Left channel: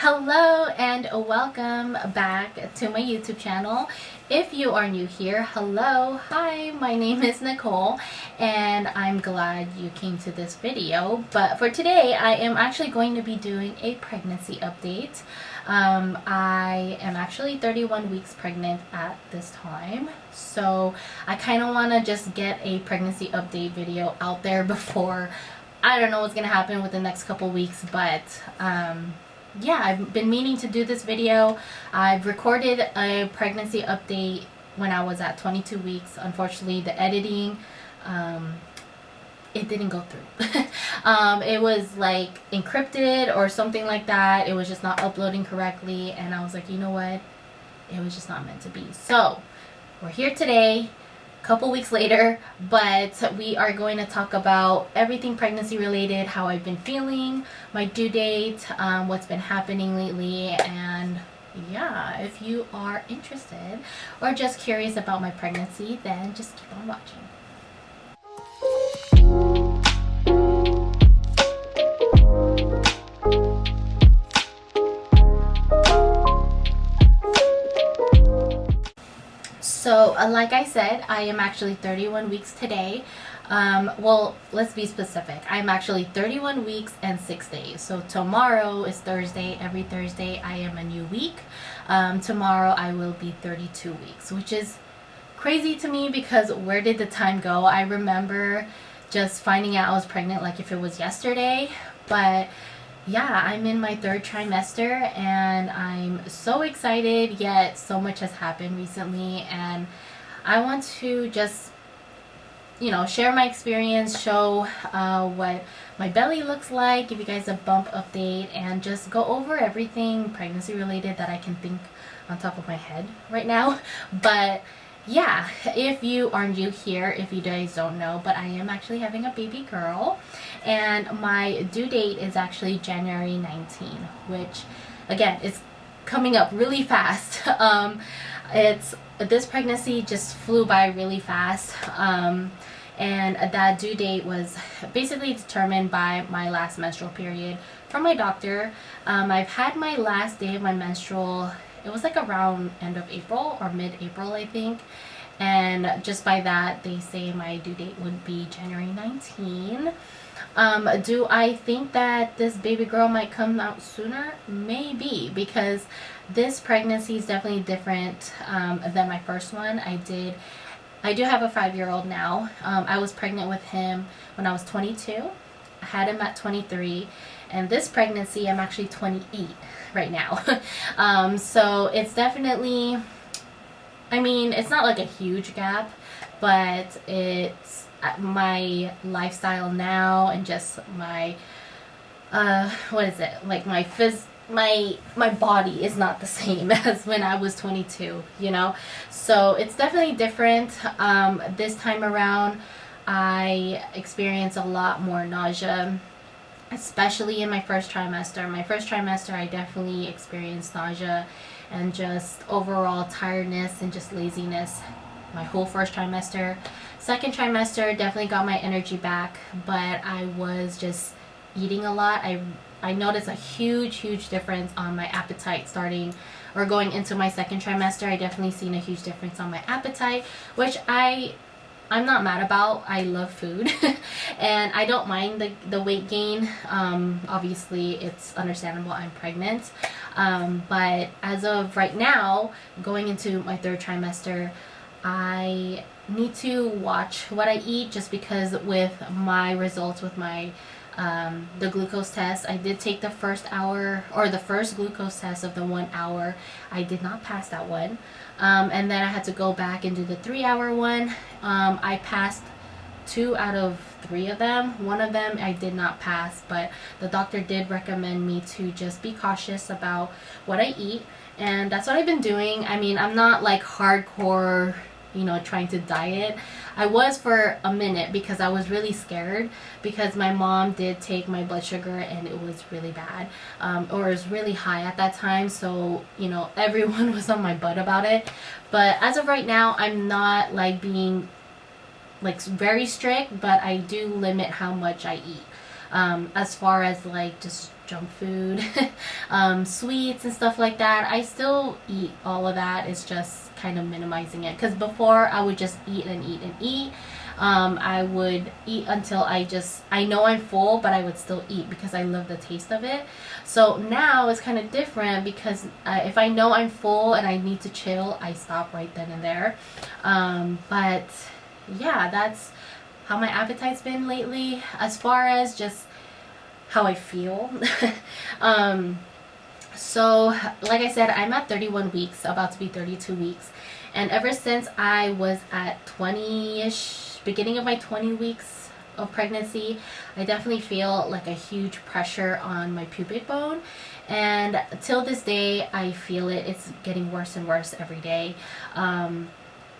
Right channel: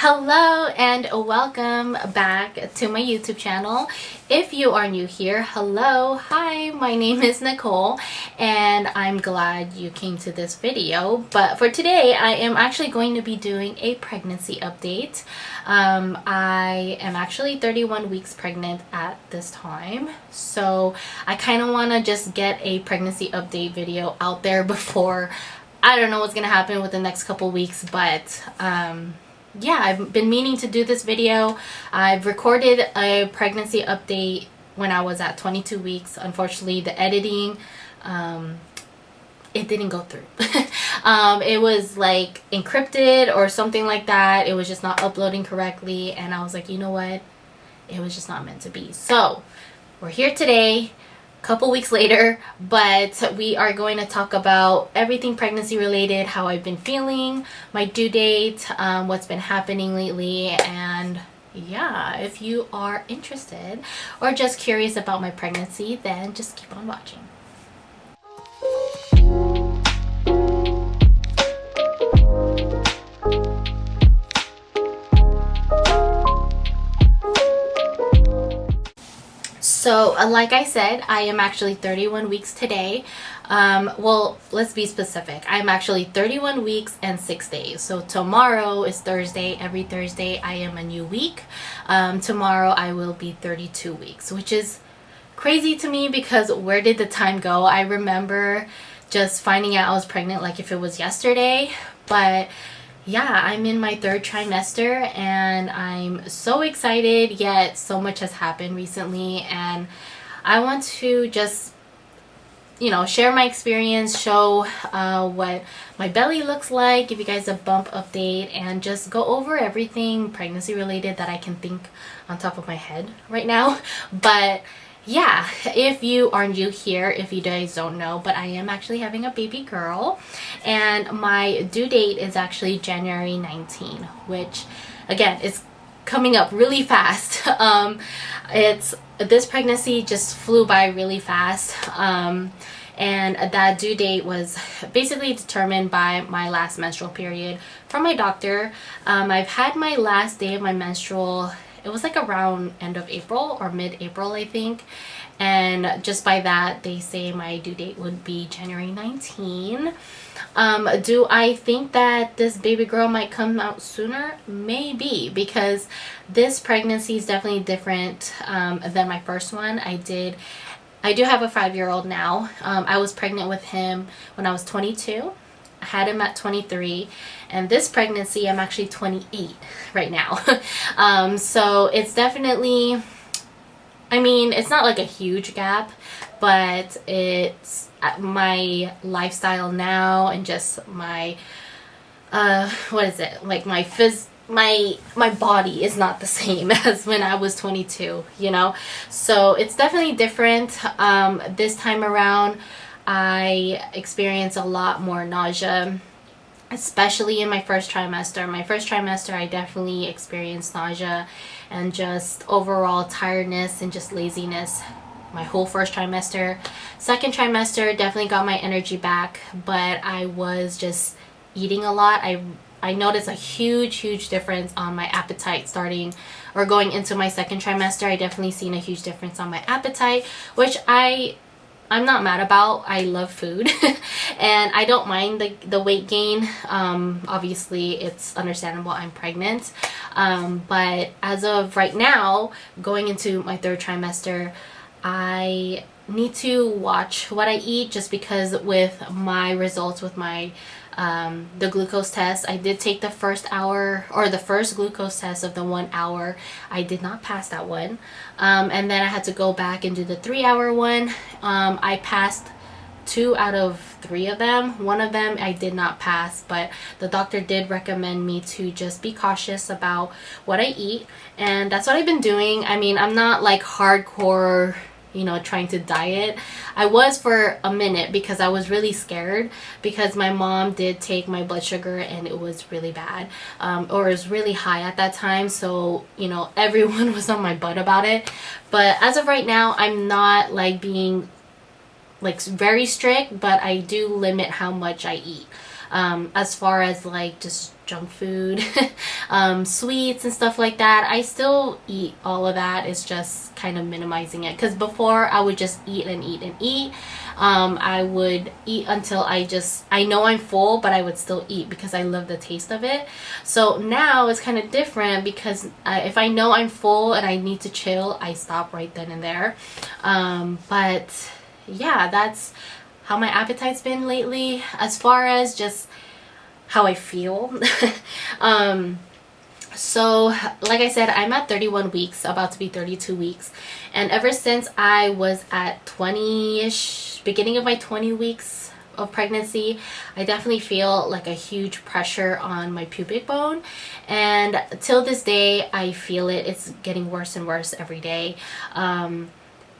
Hello and welcome back to my YouTube channel. If you are new here, hello, hi, my name is Nicole and I'm glad you came to this video. But for today, I am actually going to be doing a pregnancy update. I am actually 31 weeks pregnant at this time, so I kind of want to just get a pregnancy update video out there before I don't know what's gonna happen with the next couple weeks, but yeah, I've been meaning to do this video. I've recorded a pregnancy update when I was at 22 weeks. Unfortunately, the editing, it didn't go through. It was like encrypted or something like that. It was just not uploading correctly. And I was like, you know what? It was just not meant to be. So we're here today, couple weeks later, but we are going to talk about everything pregnancy related, how I've been feeling, my due date, what's been happening lately, and yeah, if you are interested or just curious about my pregnancy, then just keep on watching. So like I said, I am actually 31 weeks today. Well, let's be specific. I'm actually 31 weeks and 6 days. So tomorrow is Thursday. Every Thursday I am a new week. Tomorrow I will be 32 weeks, which is crazy to me because where did the time go? I remember just finding out I was pregnant like if it was yesterday, but yeah, I'm in my third trimester and I'm so excited, yet so much has happened recently, and I want to just, share my experience, show what my belly looks like, give you guys a bump update, and just go over everything pregnancy related that I can think on top of my head right now. But yeah, if you are new here, if you guys don't know, but I am actually having a baby girl and my due date is actually January 19, which again is coming up really fast. This pregnancy just flew by really fast. And that due date was basically determined by my last menstrual period from my doctor. I've had my last day of my menstrual, it was like around end of April or mid-April, I think. And just by that, they say my due date would be January 19. Do I think that this baby girl might come out sooner? Maybe, because this pregnancy is definitely different than my first one. I do have a 5-year-old now. I was pregnant with him when I was 22. I had him at 23, and this pregnancy I'm actually 28 right now. So it's definitely, it's not like a huge gap, but it's my lifestyle now and just my like my body is not the same as when I was 22, so it's definitely different. This time around I experienced a lot more nausea, especially in my first trimester. My first trimester, I definitely experienced nausea and just overall tiredness and just laziness my whole first trimester. Second trimester, definitely got my energy back, but I was just eating a lot. I noticed a huge difference on my appetite starting or going into my second trimester. I definitely seen a huge difference on my appetite, which I'm not mad about. I love food and I don't mind the weight gain. Obviously it's understandable, I'm pregnant, but as of right now, going into my third trimester, I need to watch what I eat, just because with my results with my the glucose test, I did take the first hour or the first glucose test of the 1 hour. I did not pass that one, and then I had to go back and do the 3-hour one. I passed 2 out of 3 of them. One of them I did not pass, but the doctor did recommend me to just be cautious about what I eat, and that's what I've been doing. I'm not like hardcore trying to diet. I was for a minute because I was really scared, because my mom did take my blood sugar and it was really bad, or it was really high at that time, so everyone was on my butt about it. But as of right now, I'm not like being like very strict, but I do limit how much I eat. As far as like just junk food, sweets and stuff like that. I still eat all of that. It's just kind of minimizing it, because before I would just eat and eat and eat. I would eat until I know I'm full, but I would still eat because I love the taste of it. So now it's kind of different, because if I know I'm full and I need to chill, I stop right then and there. But yeah, that's how my appetite's been lately. As far as just how I feel, so like I said, I'm at 31 weeks, about to be 32 weeks. And ever since I was at 20-ish, beginning of my 20 weeks of pregnancy, I definitely feel like a huge pressure on my pubic bone. And till this day, I feel it. It's getting worse and worse every day.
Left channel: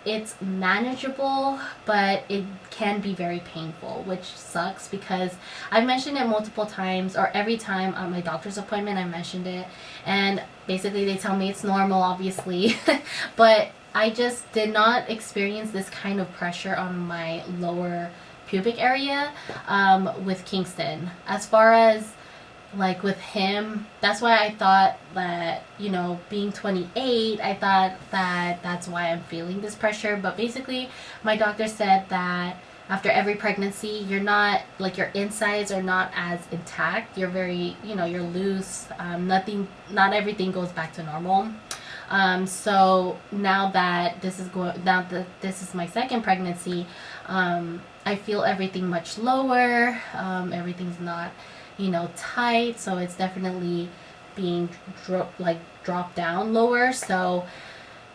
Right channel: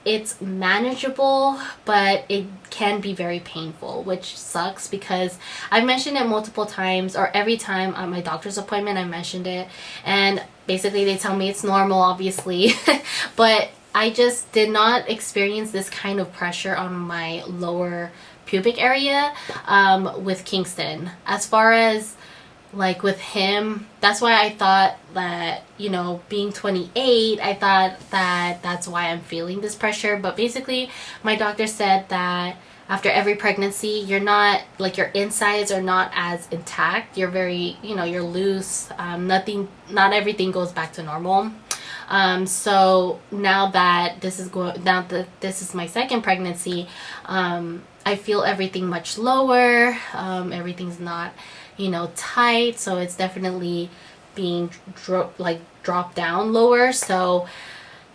It's manageable, but it can be very painful, which sucks, because I've mentioned it multiple times, or every time on my doctor's appointment I mentioned it, and basically they tell me it's normal, obviously. But I just did not experience this kind of pressure on my lower pubic area with Kingston. As far as like with him, that's why I thought that, you know, being 28, I thought that that's why I'm feeling this pressure. But basically my doctor said that after every pregnancy, you're not, like, your insides are not as intact. You're very, you know, you're loose. Not everything goes back to normal. So now that this is my second pregnancy, I feel everything much lower. Everything's not, you know, tight. So it's definitely being dropped down lower. So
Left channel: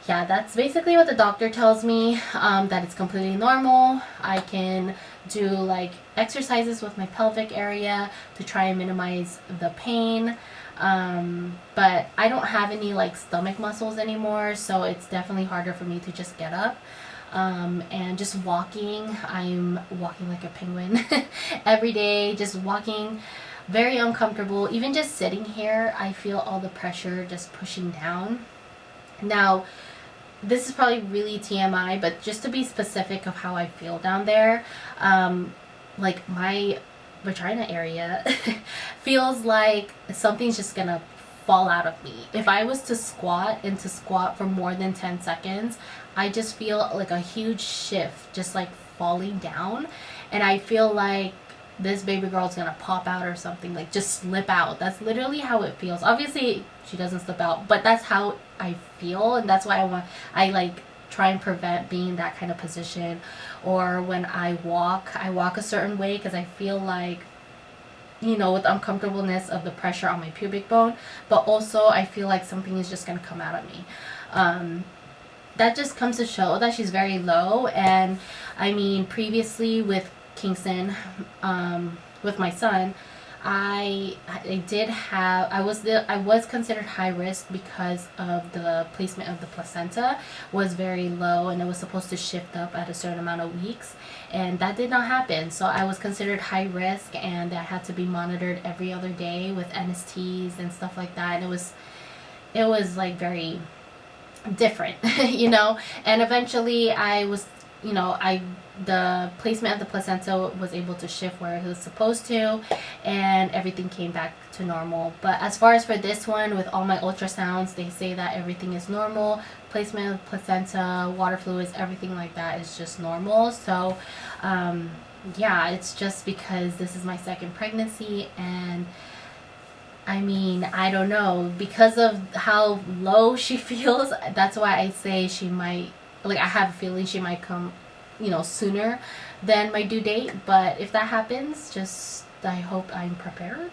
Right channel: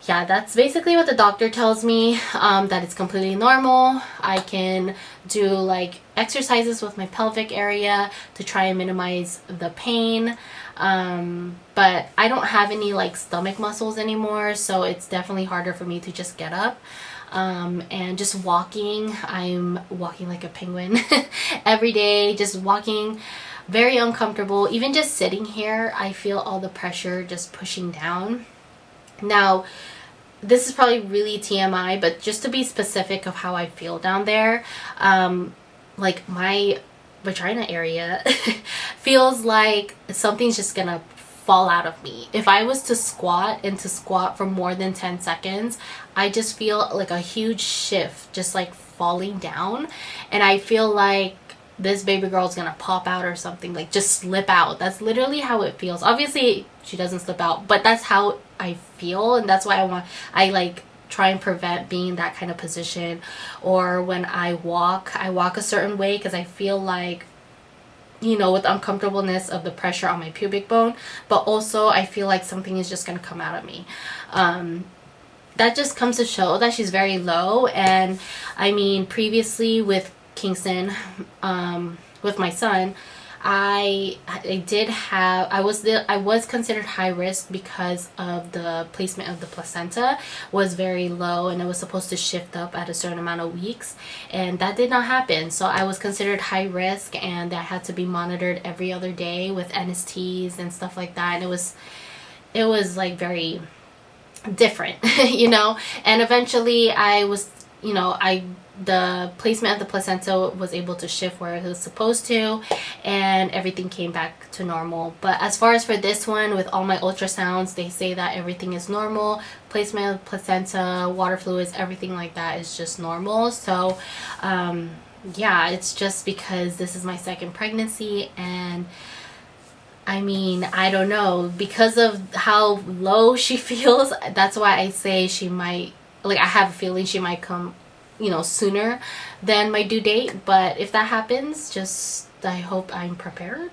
yeah, that's basically what the doctor tells me, that it's completely normal. I can do like exercises with my pelvic area to try and minimize the pain. But I don't have any like stomach muscles anymore, so it's definitely harder for me to just get up. And just walking, I'm walking like a penguin every day, just walking, very uncomfortable. Even just sitting here, I feel all the pressure just pushing down. Now, this is probably really TMI, but just to be specific of how I feel down there, like my vagina area feels like something's just gonna fall out of me. If I was to squat for more than 10 seconds, I just feel like a huge shift, just like falling down. And I feel like this baby girl is gonna pop out or something, like just slip out. That's literally how it feels. Obviously she doesn't slip out, but that's how I feel. And that's why I like try and prevent being in that kind of position. Or when I walk a certain way, because I feel like, you know, with uncomfortableness of the pressure on my pubic bone, but also I feel like something is just gonna come out of me. That just comes to show that she's very low. And I mean, previously with Kingston, with my son, I was considered high risk because of the placement of the placenta was very low, and it was supposed to shift up at a certain amount of weeks, and that did not happen. So I was considered high risk, and I had to be monitored every other day with NSTs and stuff like that. And it was like very different, you know. And eventually I was, you know, the placement of the placenta was able to shift where it was supposed to, and everything came back to normal. But as far as for this one, with all my ultrasounds, they say that everything is normal. Placement of placenta, water fluids, everything like that is just normal. So yeah, it's just because this is my second pregnancy, and I mean, I don't know, because of how low she feels, that's why I say she might, like, I have a feeling she might come, you know, sooner than my due date. But if that happens, just, I hope I'm prepared.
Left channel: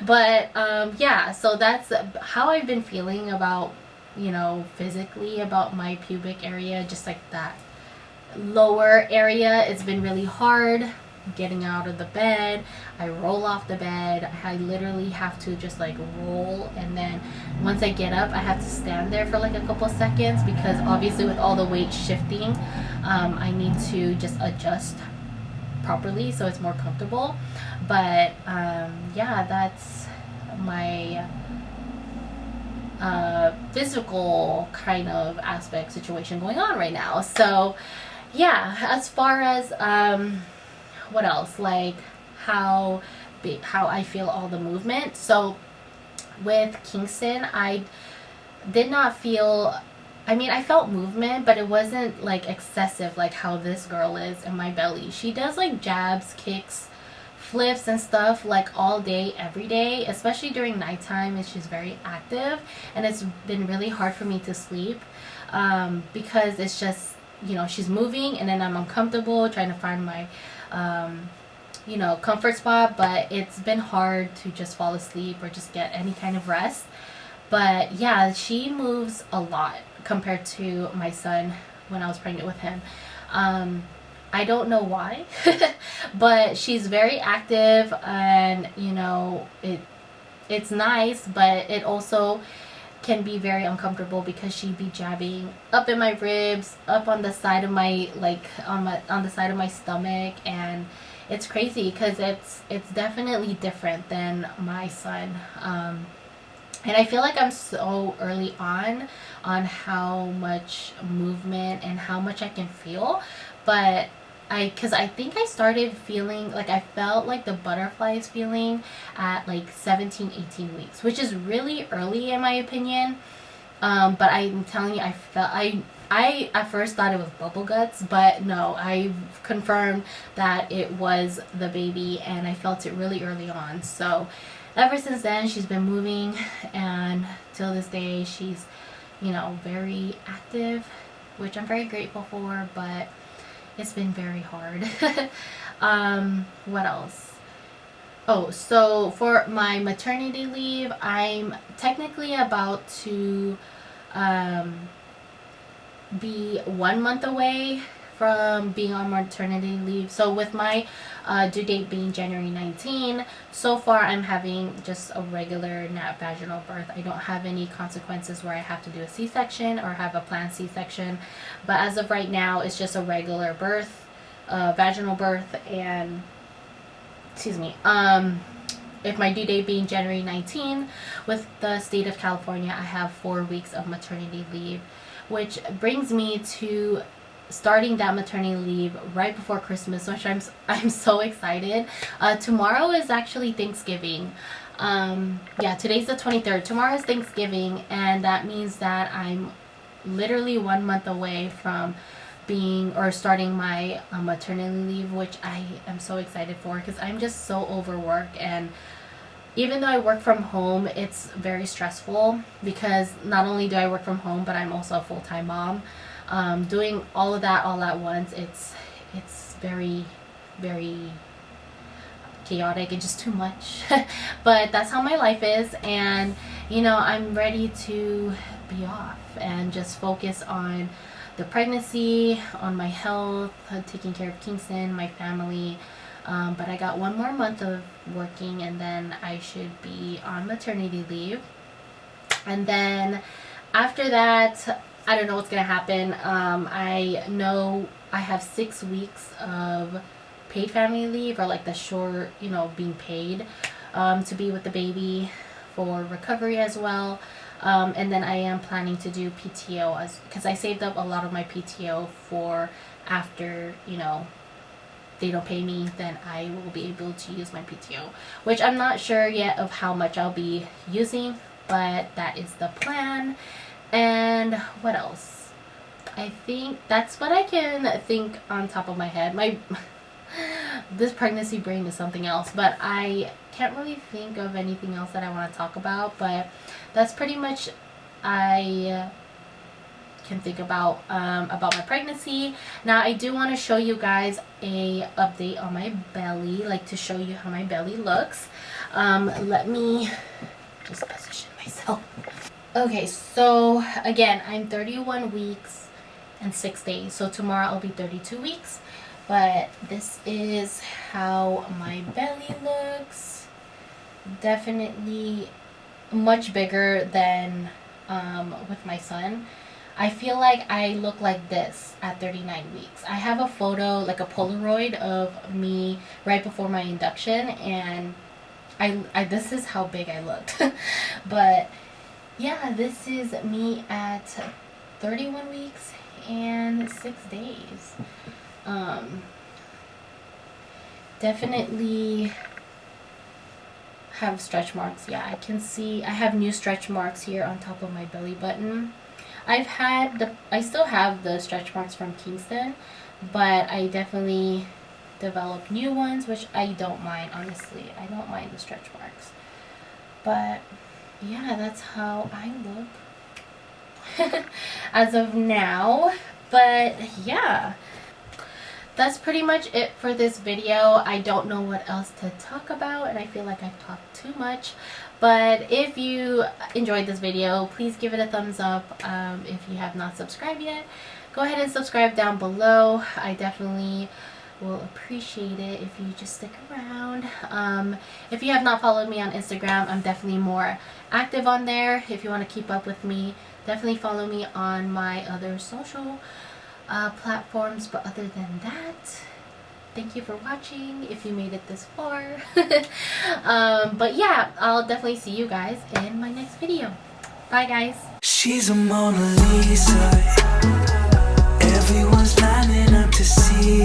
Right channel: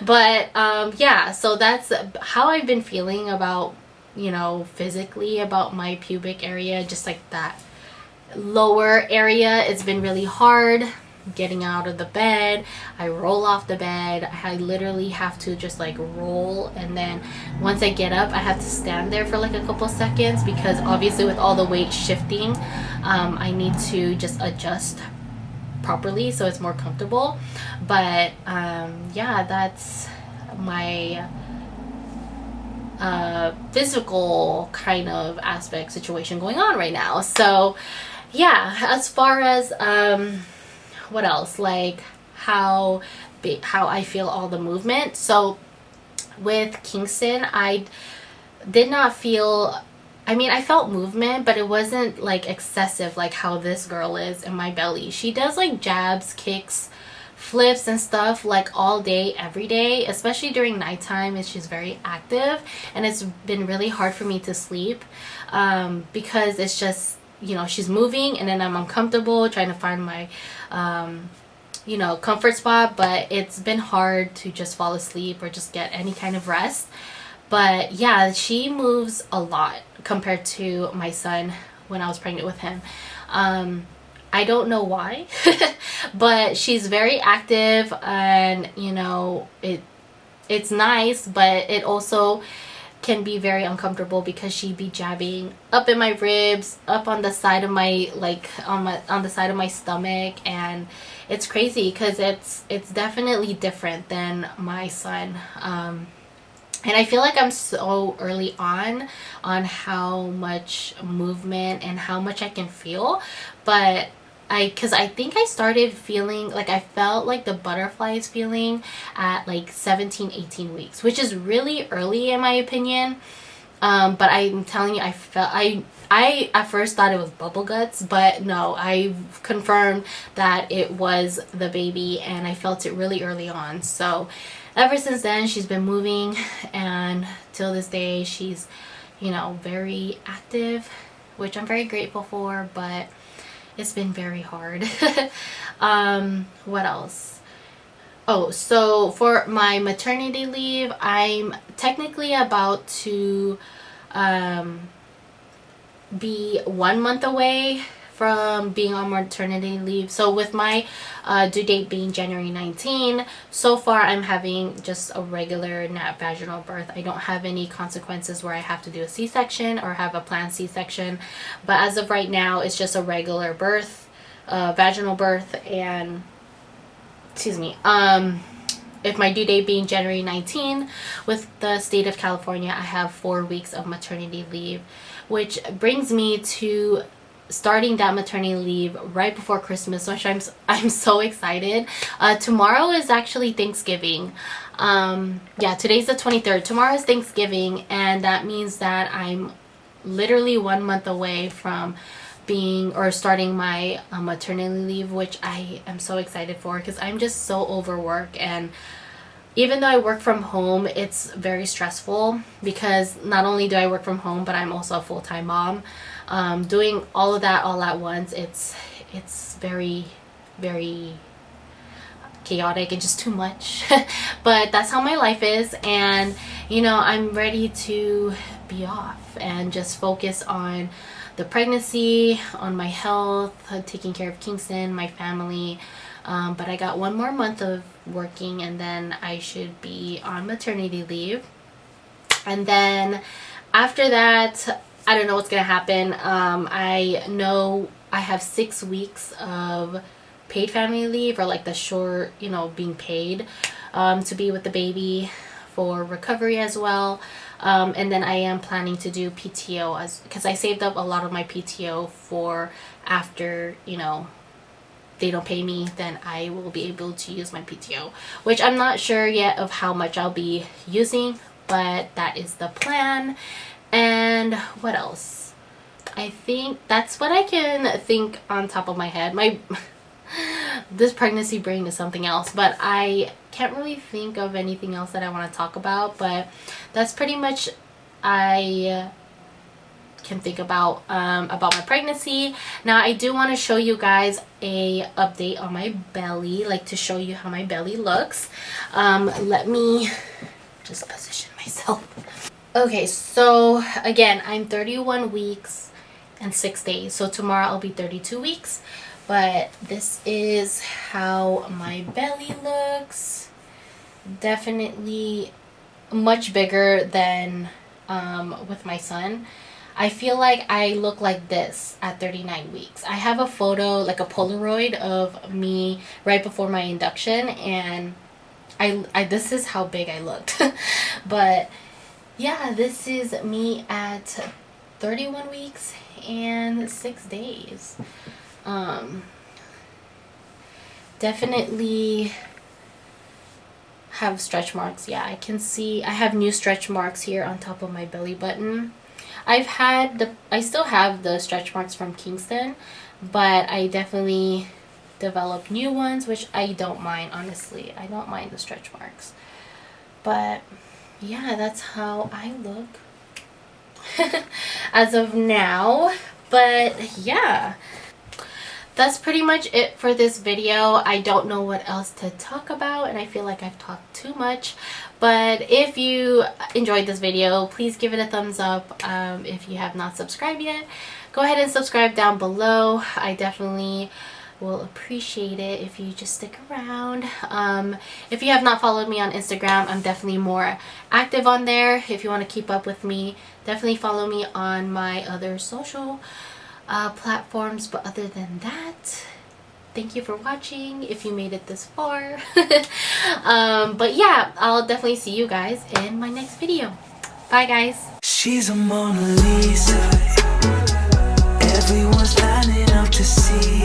But yeah, so that's how I've been feeling about, you know, physically about my pubic area, just like that lower area. It's been really hard getting out of the bed. I roll off the bed. I literally have to just like roll, and then once I get up I have to stand there for like a couple seconds, because obviously with all the weight shifting, I need to just adjust properly so it's more comfortable. But yeah, that's my physical kind of aspect situation going on right now. So yeah, as far as what else, like how how I feel all the movement. So with Kingston, I did not feel, I mean, I felt movement, but it wasn't like excessive like how this girl is in my belly. She does like jabs, kicks, flips and stuff like all day every day, especially during nighttime, and she's very active, and it's been really hard for me to sleep because it's just, you know, she's moving and then I'm uncomfortable trying to find my you know, comfort spot, but it's been hard to just fall asleep or just get any kind of rest. But yeah, she moves a lot compared to my son when I was pregnant with him. I don't know why, but she's very active, and you know, it's nice, but it also can be very uncomfortable because she'd be jabbing up in my ribs, up on the side of my, like on the side of my stomach, and it's crazy because it's definitely different than my son. And I feel like I'm so early on how much movement and how much I can feel, but because I think I started feeling like I felt like the butterflies feeling at like 17, 18 weeks, which is really early in my opinion. But I'm telling you, I at first thought it was bubble guts, but no, I confirmed that it was the baby, and I felt it really early on. So ever since then, she's been moving, and till this day, she's, you know, very active, which I'm very grateful for, but it's been very hard. What else? Oh, so for my maternity leave, I'm technically about to be 1 month away from being on maternity leave. So with my due date being January 19, so far I'm having just a regular vaginal birth. I don't have any consequences where I have to do a C-section or have a planned C-section. But as of right now, it's just a regular birth, vaginal birth, and excuse me. If my due date being January 19, with the state of California, I have 4 weeks of maternity leave, which brings me to starting that maternity leave right before Christmas, which I'm so excited. Tomorrow is actually Thanksgiving. Yeah, today's the 23rd. Tomorrow is Thanksgiving, and that means that I'm literally 1 month away from being or starting my maternity leave, which I am so excited for because I'm just so overworked. And even though I work from home, it's very stressful because not only do I work from home, but I'm also a full-time mom. Doing all of that all at once, it's very, very chaotic and just too much. But that's how my life is, and you know, I'm ready to be off and just focus on the pregnancy, on my health, taking care of Kingston, my family. But I got 1 more month of working, and then I should be on maternity leave. And then after that, I don't know what's gonna happen. I know I have 6 weeks of paid family leave, or like the short, you know, being paid to be with the baby for recovery as well. And then I am planning to do PTO because I saved up a lot of my PTO for after, you know, they don't pay me, then I will be able to use my PTO, which I'm not sure yet of how much I'll be using, but that is the plan. And what else? I think that's what I can think on top of my head. This pregnancy brain is something else, but I can't really think of anything else that I want to talk about. But that's pretty much I can think about my pregnancy. Now I do want to show you guys a update on my belly, like to show you how my belly looks. Let me just position myself. Okay, so again, I'm 31 weeks and 6 days. So tomorrow I'll be 32 weeks. But this is how my belly looks. Definitely much bigger than with my son. I feel like I look like this at 39 weeks. I have a photo, like a Polaroid of me right before my induction, and I this is how big I looked. But yeah, this is me at 31 weeks and 6 days. Definitely have stretch marks. Yeah, I can see I have new stretch marks here on top of my belly button. I still have the stretch marks from Kingston, but I definitely developed new ones, which I don't mind, honestly. I don't mind the stretch marks. But yeah, that's how I look as of now. But yeah, that's pretty much it for this video. I don't know what else to talk about, and I feel like I've talked too much. But if you enjoyed this video, please give it a thumbs up. If you have not subscribed yet, go ahead and subscribe down below. I definitely will appreciate it if you just stick around. If you have not followed me on Instagram, I'm definitely more active on there. If you want to keep up with me, definitely follow me on my other social platforms. But other than that, thank you for watching if you made it this far. But yeah, I'll definitely see you guys in my next video. Bye guys. She's a Mona Lisa. Everyone's lining up to see